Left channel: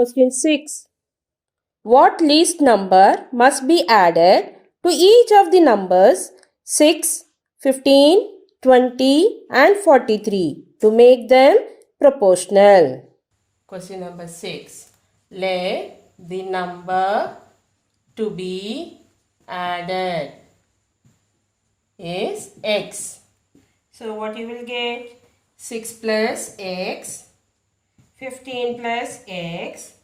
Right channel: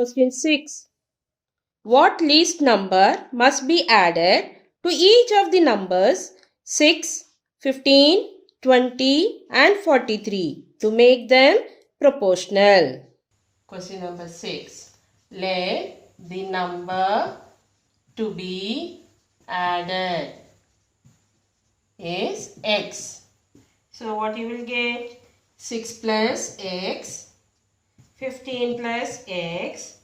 Question 6. What least number must be added to each of the numbers 6, 15, 20 and 43 to make them proportional? Question number 6. Let the number to be added is x. So what you will get? 6 plus x, 15 plus x,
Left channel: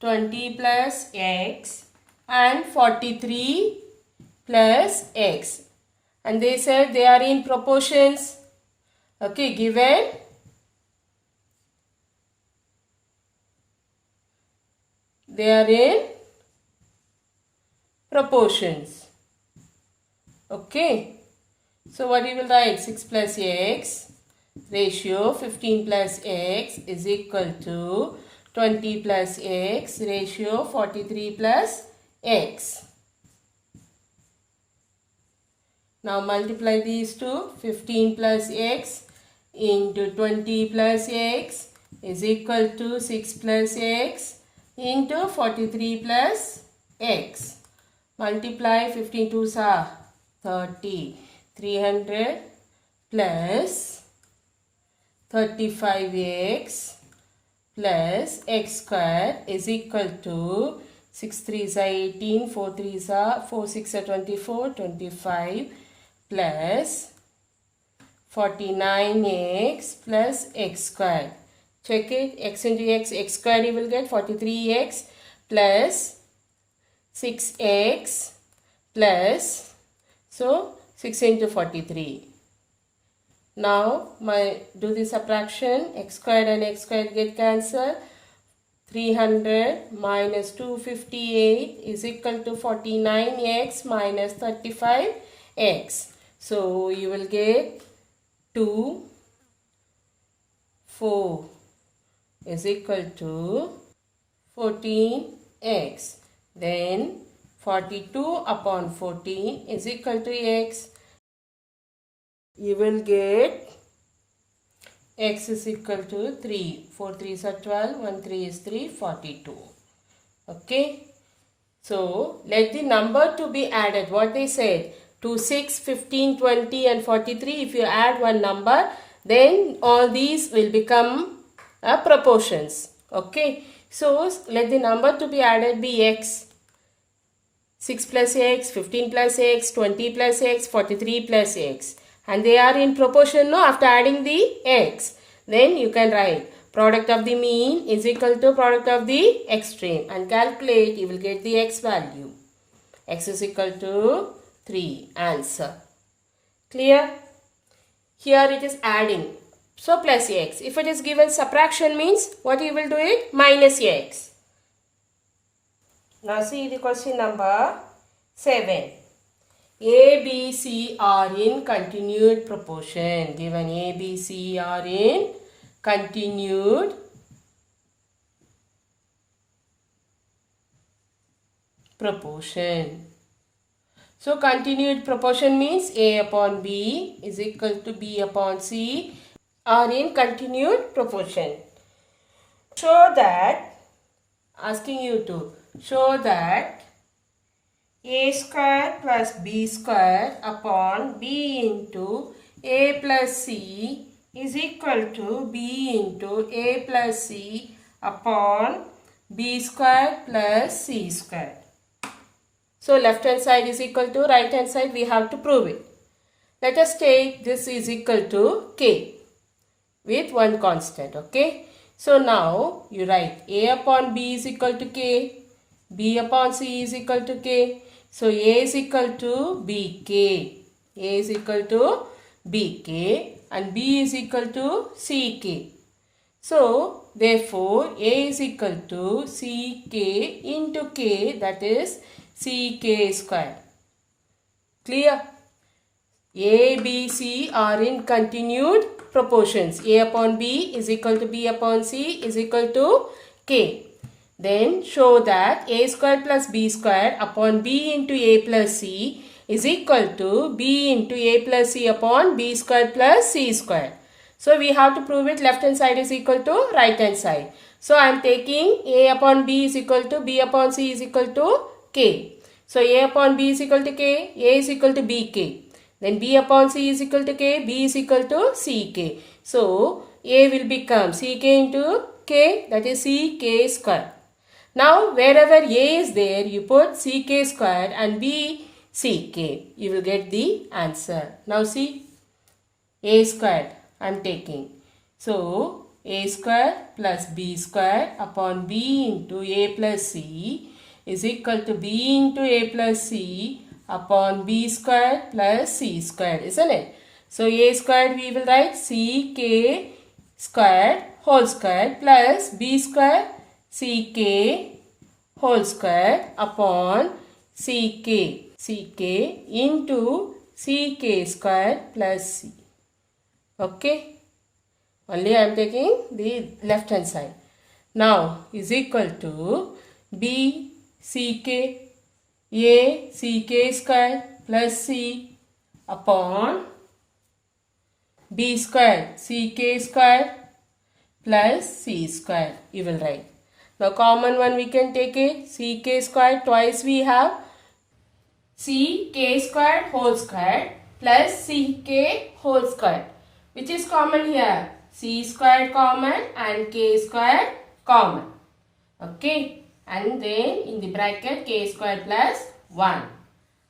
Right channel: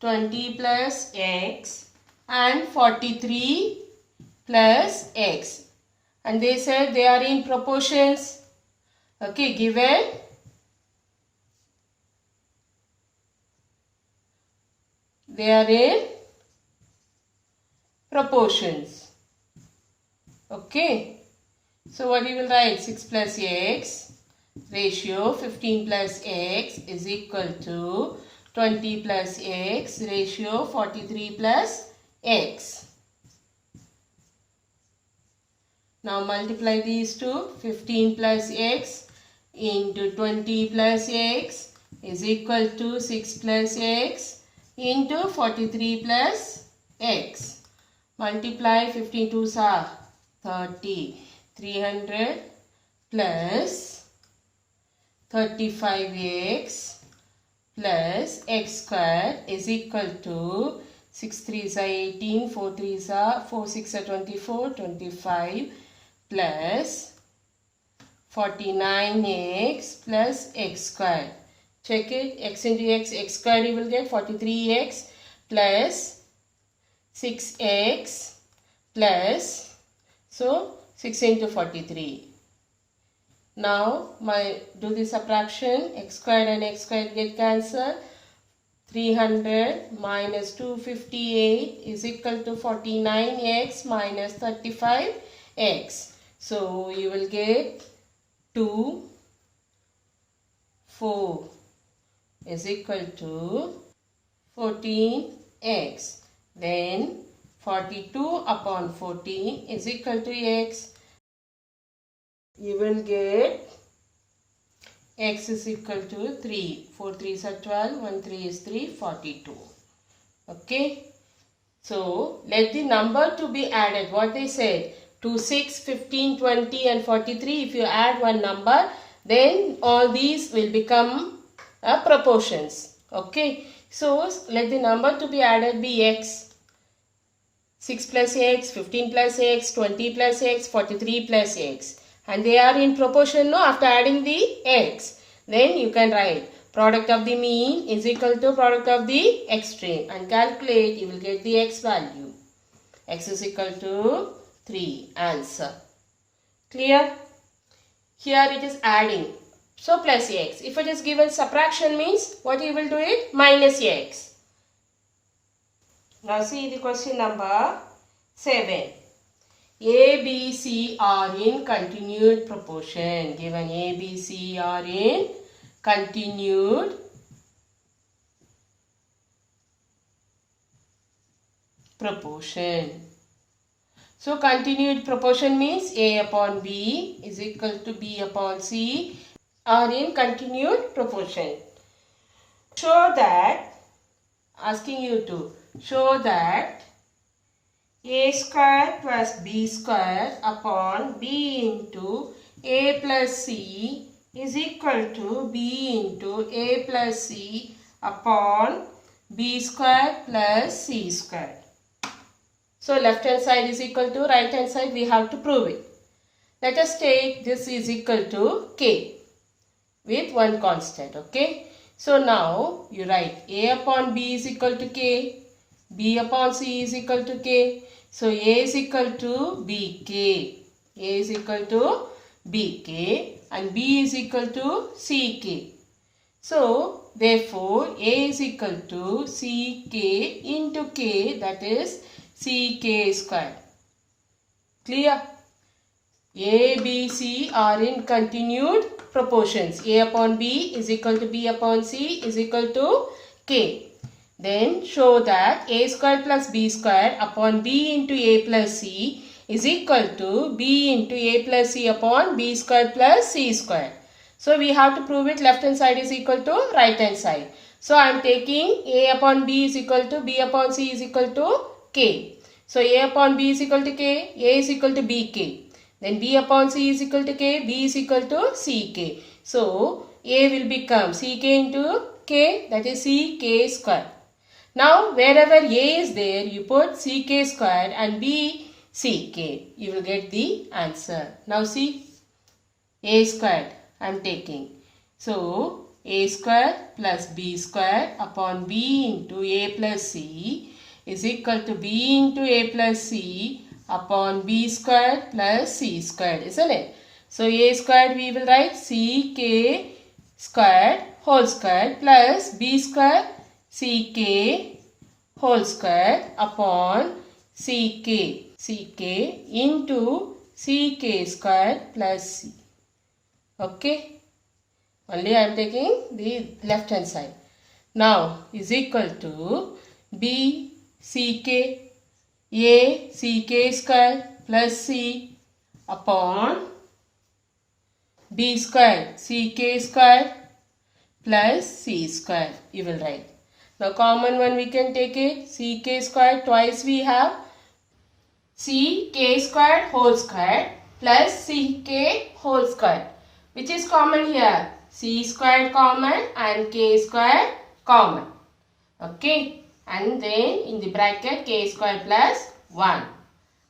20 plus x and 43 plus x. And they said they are in proportions. Okay, given they are in proportions. Okay. So what you will write? 6 plus x ratio 15 plus x is equal to 20 plus x ratio 43 plus x. Now multiply these two. 15 plus x into 20 plus x is equal to 6 plus x into 43 plus x. Multiply 15 2s are 30. 300 plus 35x plus x square is equal to 6 3s are 18, 4 3s are 4 6 are 24, 25 plus 49x plus x square. Check it. X into x square you will get 43x plus 6x plus, so 6 into 43. Now do the subtraction. X squared and x squared get cancelled. 300 minus 258 is equal to 49x minus 35x. So you will get 2 4 is equal to 14x. Then 42 upon 14 is equal to x. You will get x is equal to 3. 4 3s are 12, 1 3 is 3, 42. Okay. So, let the number to be added. What they said? To 6, 15, 20 and 43. If you add one number, then all these will become proportions. Okay. So, let the number to be added be x. 6 plus x, 15 plus x, 20 plus x, 43 plus x. And they are in proportion, no, after adding the x. Then you can write product of the mean is equal to product of the extreme. And calculate, you will get the x value. X is equal to 3. Answer. Clear? Here it is adding. So plus x. If it is given subtraction means, what you will do it? Minus x. Now see the question number 7. A, B, C are in continued proportion. Given A, B, C are in continued proportion. So continued proportion means A upon B is equal to B upon C are in continued proportion. Show that, asking you to show that a square plus b square upon b into a plus c is equal to b into a plus c upon b square plus c square. So left hand side is equal to right hand side, we have to prove it. Let us take this is equal to k with one constant. Okay. So now you write a upon b is equal to k, b upon c is equal to k. So a is equal to bk, a is equal to bk and b is equal to ck. So therefore a is equal to ck into k, that is ck square. Clear? A, B, C are in continued proportions. A upon B is equal to B upon C is equal to K. Then show that A square plus B square upon B into A plus C is equal to B into A plus C upon B square plus C square. So we have to prove it left hand side is equal to right hand side. So I am taking a upon b is equal to b upon c is equal to k. So a upon b is equal to k, a is equal to bk. Then b upon c is equal to k, b is equal to ck. So a will become ck into k, that is ck square. Now wherever a is there, you put ck square and b ck. You will get the answer. Now see, a squared I am taking. So a square plus b square upon b into a plus c is equal to b into a plus c upon b square plus c squared, isn't it? So a squared we will write ck squared whole square plus b square ck whole square upon ck into ck square plus c. Okay, only I am taking the left hand side. Now is equal to b ck a ck square plus c upon b square ck square plus c square. You will write. Now common one we can take it, ck square twice we have ck square whole square plus ck whole square. Which is common here? C squared common and k squared common. Okay. And then in the bracket k squared plus 1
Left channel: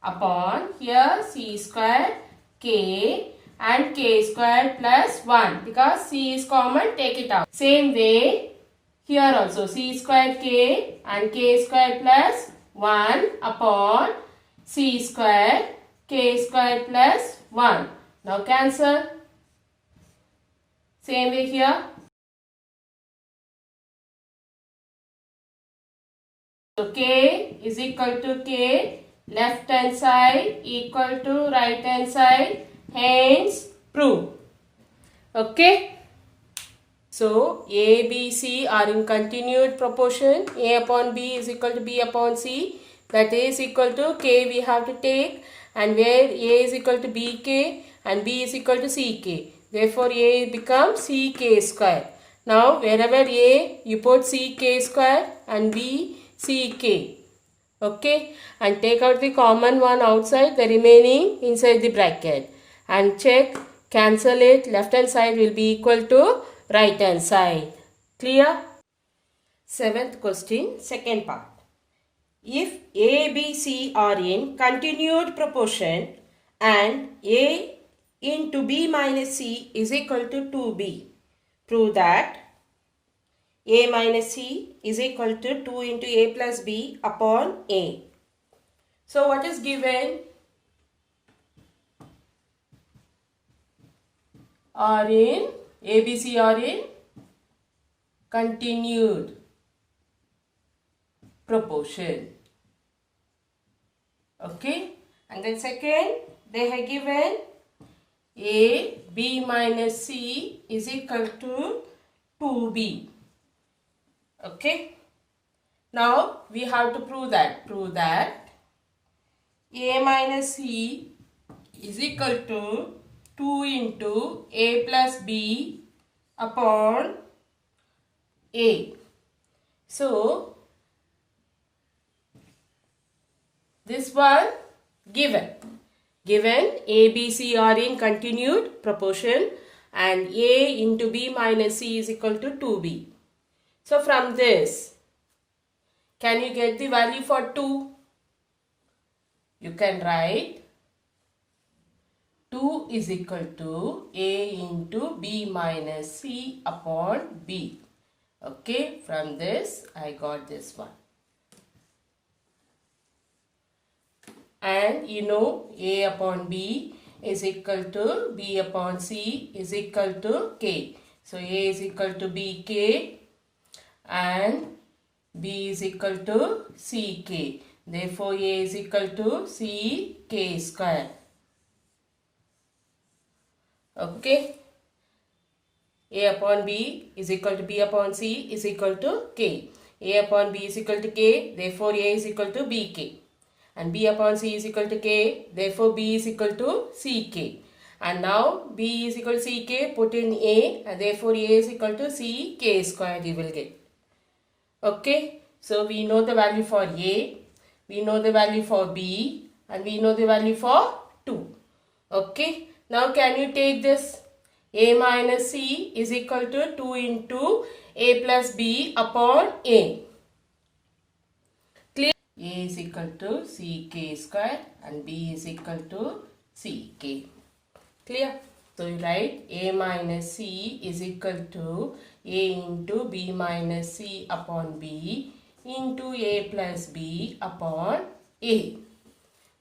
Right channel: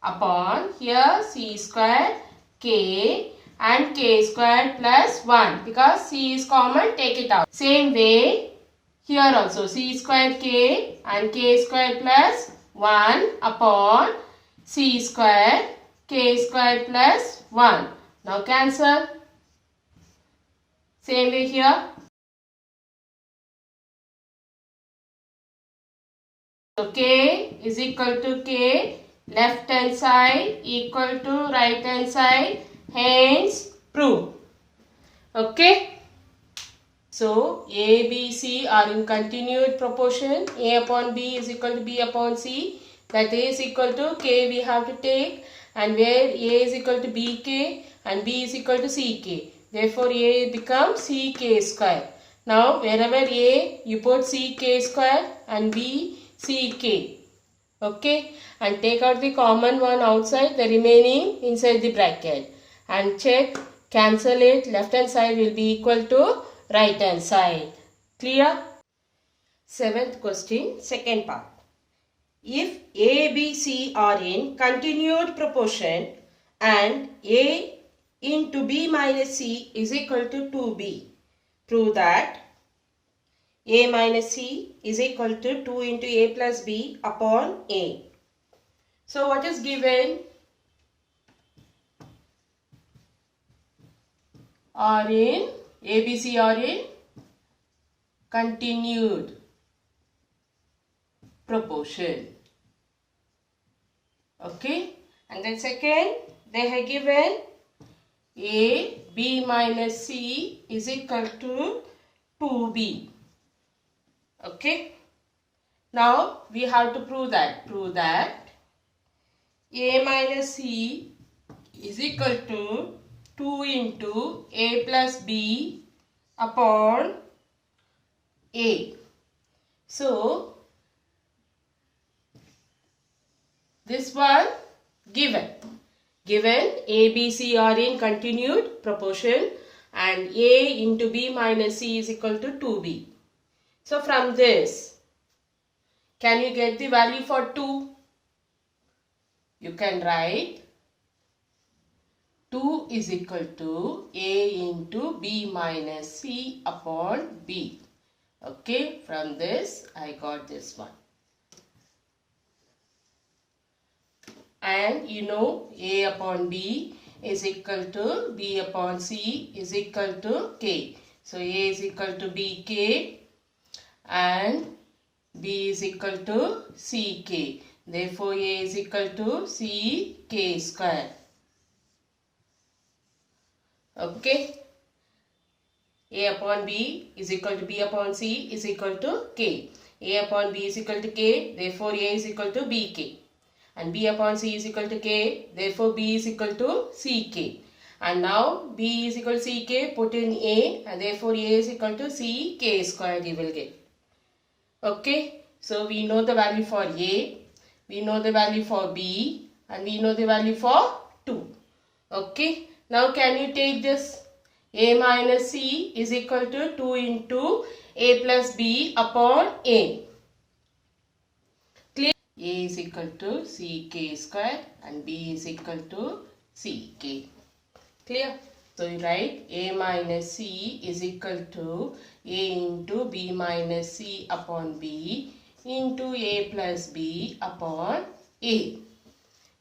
upon here c squared k and k squared plus 1. Because c is common, take it out. Same way here also c squared k and k squared plus 1 upon c squared k squared plus 1. Now cancel. Same way here. So k is equal to k, left hand side equal to right hand side, hence prove. Okay. So a, b, c are in continued proportion. A upon b is equal to b upon c. That is equal to k we have to take, and where a is equal to bk and b is equal to ck. Therefore, a becomes ck square. Now, wherever a, you put ck square and b, ck. Okay. And take out the common one outside, the remaining inside the bracket. And check, cancel it. Left hand side will be equal to right hand side. Clear? Seventh question, second part. If a, b, c are in continued proportion and a into b minus c is equal to 2b. Prove that a minus c is equal to 2 into a plus b upon a. So what is given? Are in, a, b, c are in continued proportion. Okay. And then second, they have given a, b minus c is equal to 2b. Okay. Now we have to prove that. Prove that a minus c is equal to 2 into a plus b upon a. So this one given. Given a, b, c are in continued proportion and a into b minus c is equal to 2b. So from this, can you get the value for 2? You can write 2 is equal to a into b minus c upon b. Okay, from this I got this one. And you know a upon b is equal to b upon c is equal to k. So a is equal to bk and b is equal to ck. Therefore a is equal to ck square. Okay. A upon b is equal to b upon c is equal to k. A upon b is equal to k. Therefore a is equal to bk. And b upon c is equal to k, therefore b is equal to ck. And now b is equal to ck, put in a, and therefore a is equal to ck square you will get. Okay, so we know the value for A, we know the value for B, and we know the value for 2. Okay, now can you take this? A minus C is equal to 2 into A plus B upon A. Clear? A is equal to CK square and B is equal to CK. Clear? So you write A minus C is equal to A into B minus C upon B into A plus B upon A.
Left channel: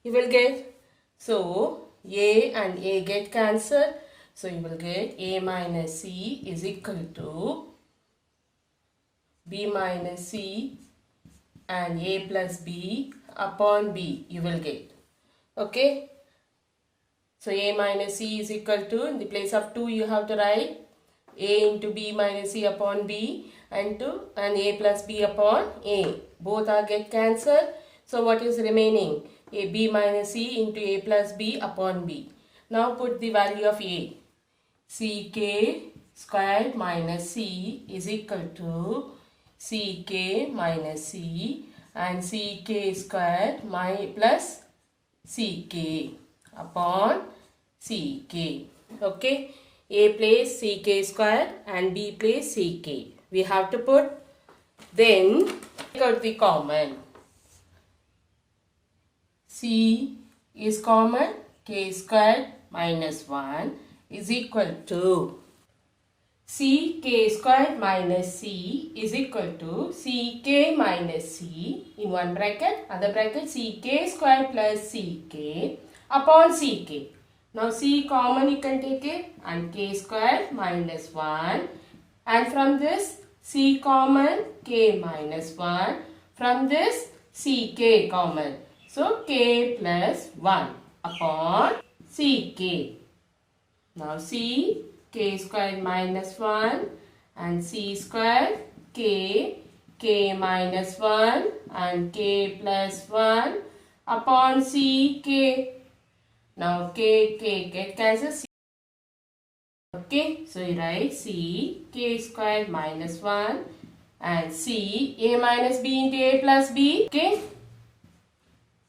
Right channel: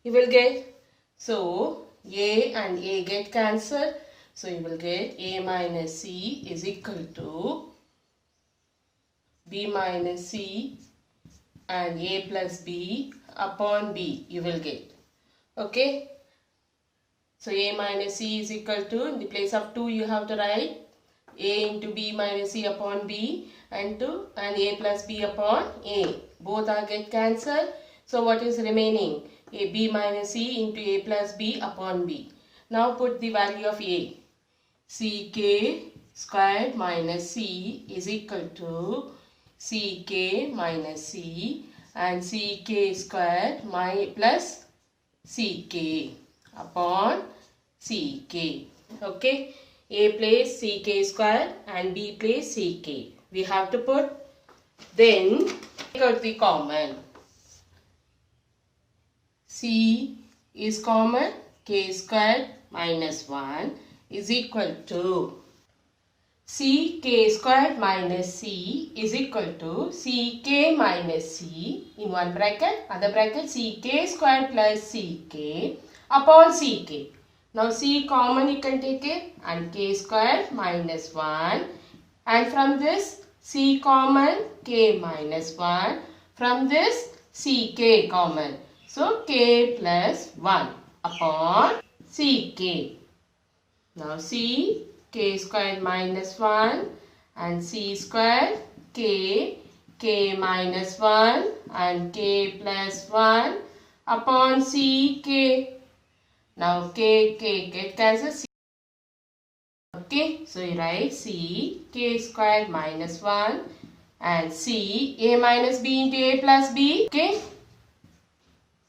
You will get, so A and A get cancelled. So you will get A minus C is equal to B minus C and A plus B upon B. You will get. Okay. So A minus C is equal to, in the place of 2 you have to write A into B minus C upon B and A plus B upon A. Both are get cancelled. So what is remaining? A B minus C into A plus B upon B. Now put the value of A. CK squared minus C is equal to CK minus C and CK squared plus CK upon CK. Okay. A place CK squared and B place CK. We have to put. Then take out the common. C is common. K squared minus 1 is equal to CK squared minus C is equal to CK minus C in one bracket, other bracket CK squared plus CK upon CK. Now C common you can take it and K squared minus 1, and from this C common K minus 1, from this CK common. So K plus 1 upon CK. Now C K squared minus 1 and C squared K minus 1 and K plus 1 upon CK. Now K get cancelled. Okay, so you write C K squared minus 1 and C A minus B into A plus B. Okay,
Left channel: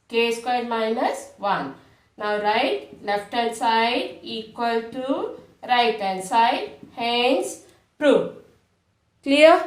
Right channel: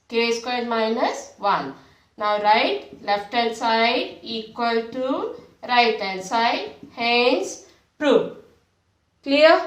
K squared minus 1. Now write left hand side equal to right hand side, hence proved. Clear?